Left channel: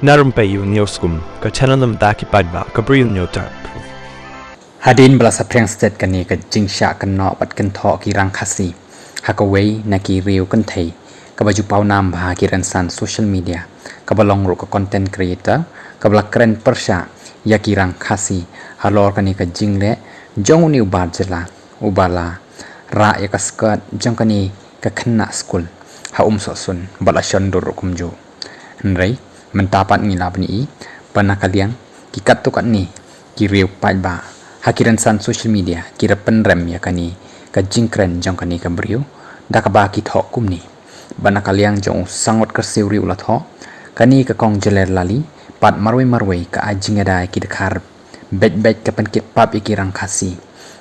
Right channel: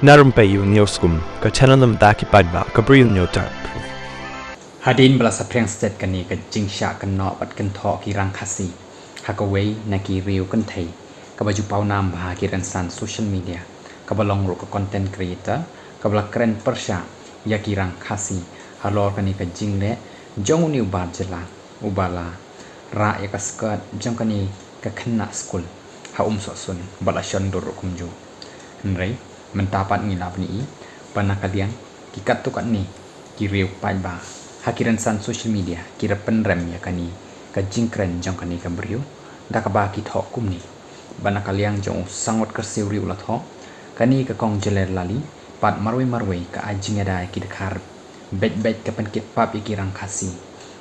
Narum payu nioskum ka chananam daki padba ka bril nyotar. Hadin bala sapreng stet kani ka jingsha kan no pat kan tho ki rang khasi hakawei na ki riu kan thei ka baju pau nam bha ki ran san social media ka balong ro ka content creator ka bala kren persha ya ki rang khasi halor kani ka jingle jong ni ubar jela ubala ra ya ka skirt jong kani ka khanna school ha so sun bala shandur kumju nrei mentapat ni lab ni pana kaliang ki kat tu kat ni ki riu padba hakiran san social media kira penrem ya kani ka jingkren jong kani ka brio da ka ba ki thok kum ni bana kaliang jong sangot ka seuri ula tho kani ka kong jeler lali pat marwei ka ajing ada ki dekhar bet ka pen kit pap ikirang khasi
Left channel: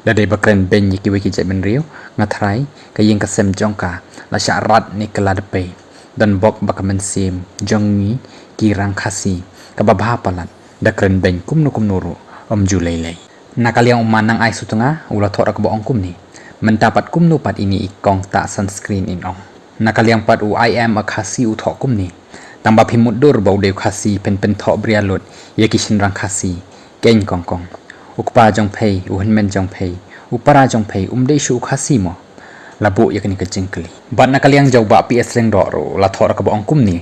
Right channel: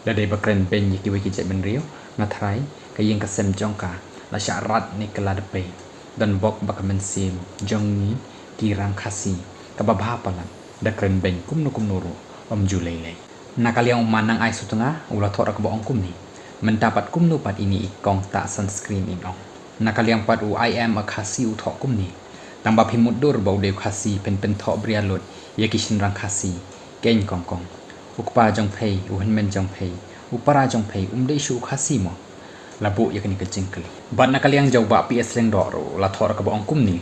da de bakren ben ki we ki jai ben rio ngathrai ka yeng ka sem jong ka la syarat ni kala de pe dan bok bakamen sim jong ni kirang khasi ka babha palat da kren ben kum no ro om julai nakaliang umanang ai sutunga ula thora ka boong kum ni mentapat kum nu pat ini ikong ta sunscreen in ong nakaliang pat u I am a khasi u tho kum ni tamba phimudur bau de khasi pen tho brialot yakishin rang khasi ken kong ukpa jong phei u henmen jong phei upara jong phei de shu khasi mo labu yakni ka jingkli bat nakaliang jau ba ps leng ro ro la thora ka boong kum ni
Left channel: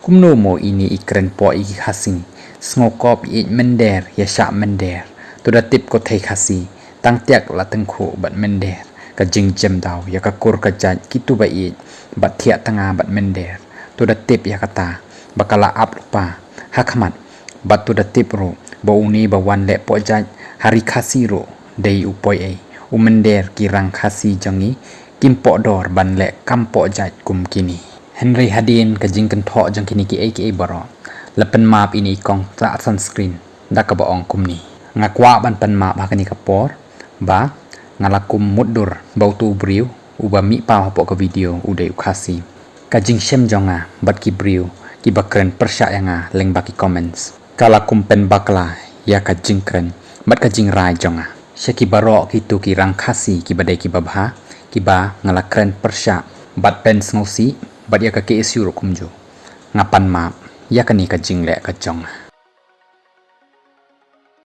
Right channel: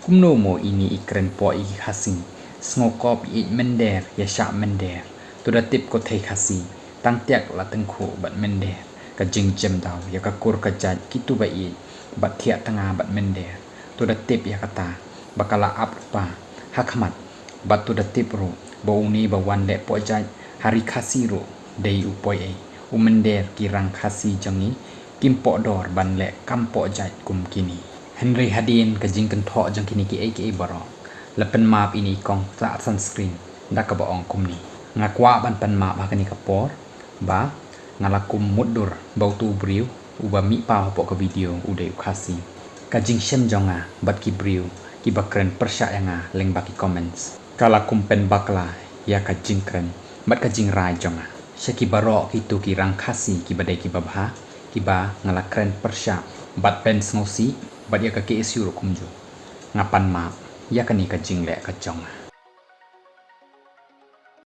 kum no mo ini ikren po i khasi snokop i mender ya sha mender tu da tip ko thei khasi tang tiak la tang kho bat mender ka jing jem daw ya ka kur ka jat kitu ba i bat thia tanga bat mender tu da tip ya kata bakala up pa hakmat bat tu da tip ro bo uni ba wan le po jat hari khasi ro dei upoi e mender kirang khasi jangi kimpo dor ban le kampo jat kum kini Henry Hadin ka jing kan tho jang kini ki aka baro lapen map ini kong ta sunscreen da ka ba ong kum ni ngakwa ban pan ma ba kani kapor ba ngalakum mudur bau tu briu uba mi pa po ka video ude khasi ka jing shem jonga bat ki briu ki bakren persya yanga leng ba ki comments kala pen bakla ya ka jing kren bat ka jing rai jonga shaki baro ki tu ki rang khasi ki badai ki babha ki ba ngalakren persya bat pen snosi bat ya ka ke isu kumjo ngapan ma ya kani ka jing le ka jonga